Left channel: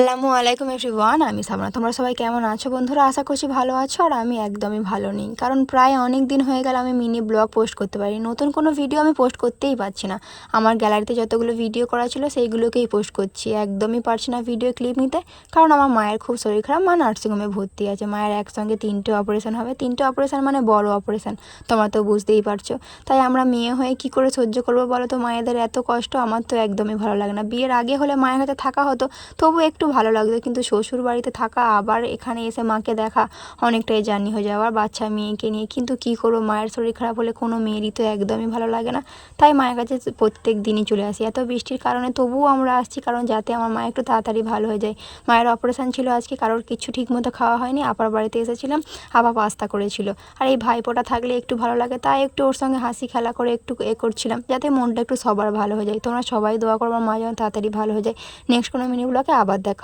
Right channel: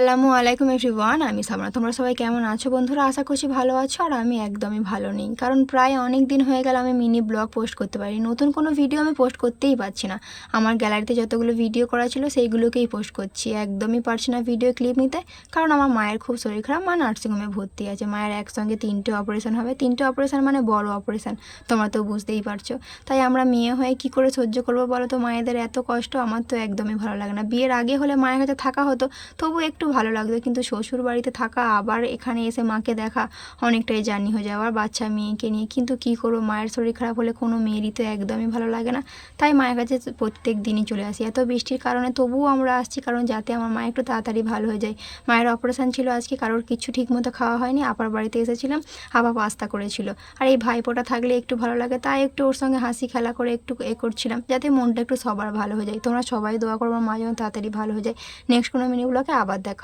আসসালামু আলাইকুম এভরিওয়ান, আমি সামনা। তোমরা সবাই কেমন আছো বন্ধুরা? আশা করছি ভালো আছো। আর আমি একদমই ভালো নেই, কারণ প্রায় অনেক দিন হয়ে গেল আমি মিনি ব্লগ পোস্ট করতে পারি। নতুন কোনো ভিডিও আমি পোস্ট করতেই পারছি না। আমার গ্যালারিতে যতগুলো ভিডিও করা ছিল সেইগুলোকেই পোস্ট করছি, একদমই পারছি না ভিডিও ক্লিপ নিতে। কারণ আমার মায়ের খুব শরীর খারাপ, মা নার্সিংহোমে ভর্তি আছে। মায়ের একসঙ্গে 3টে অপারেশন হবে। 3টে অপারেশন মানে বড় অপারেশন, তোমরা তো বুঝতেই পারছো। তাই আমরা মেয়ে হয়ে কি করে সহ্য করবো বলো তো মায়েদের এত কষ্ট? আমার তো একদমই ভালো লাগে না। বিয়ের আগে হলে মায়ের কাছে থাকা হতো, তবু একটু ভালো লাগতো, কিন্তু শ্বশুর বাড়িতে থাকা আবার এখানে এসে মাকে দেখা অনেকটাই জার্নি হয়ে যায়, আবার বাচ্চা মেয়েকে নিয়ে। কিন্তু কী করবো, মায়ের শরীর খারাপ হলে কোনো মেয়েরই তো একদমই ভালো লাগে না। তাই মায়ের কাছে প্রত্যেক দিনই চলে আসি। এত বৃষ্টির কারণে তবুও আমরা আসছি, কারণ যাতে আমার মা একটু তাড়াতাড়ি ভালো হয়ে যায়। মায়ের অপারেশন ছিল আজকে, কারোর কিছু ঠিকমতো খাওয়া হয়নি। আপার বাড়িতে এসেছিলাম, আবার পাস্তা করেছিল। আর এই ভাইপোটা থাকলে একটু ভালো লাগে, তাই একটু ওর সঙ্গে হাসি খেলা করে একটু করছিলাম, যাতে মনটা একটু সবার ভালো হয়ে যায়। তোমরা সবাই দোয়া করো আমার মা যেন তাড়াতাড়ি ভালো হয়ে যায়। নেক্সট কোনো মিনি ব্লগে আবার দেখা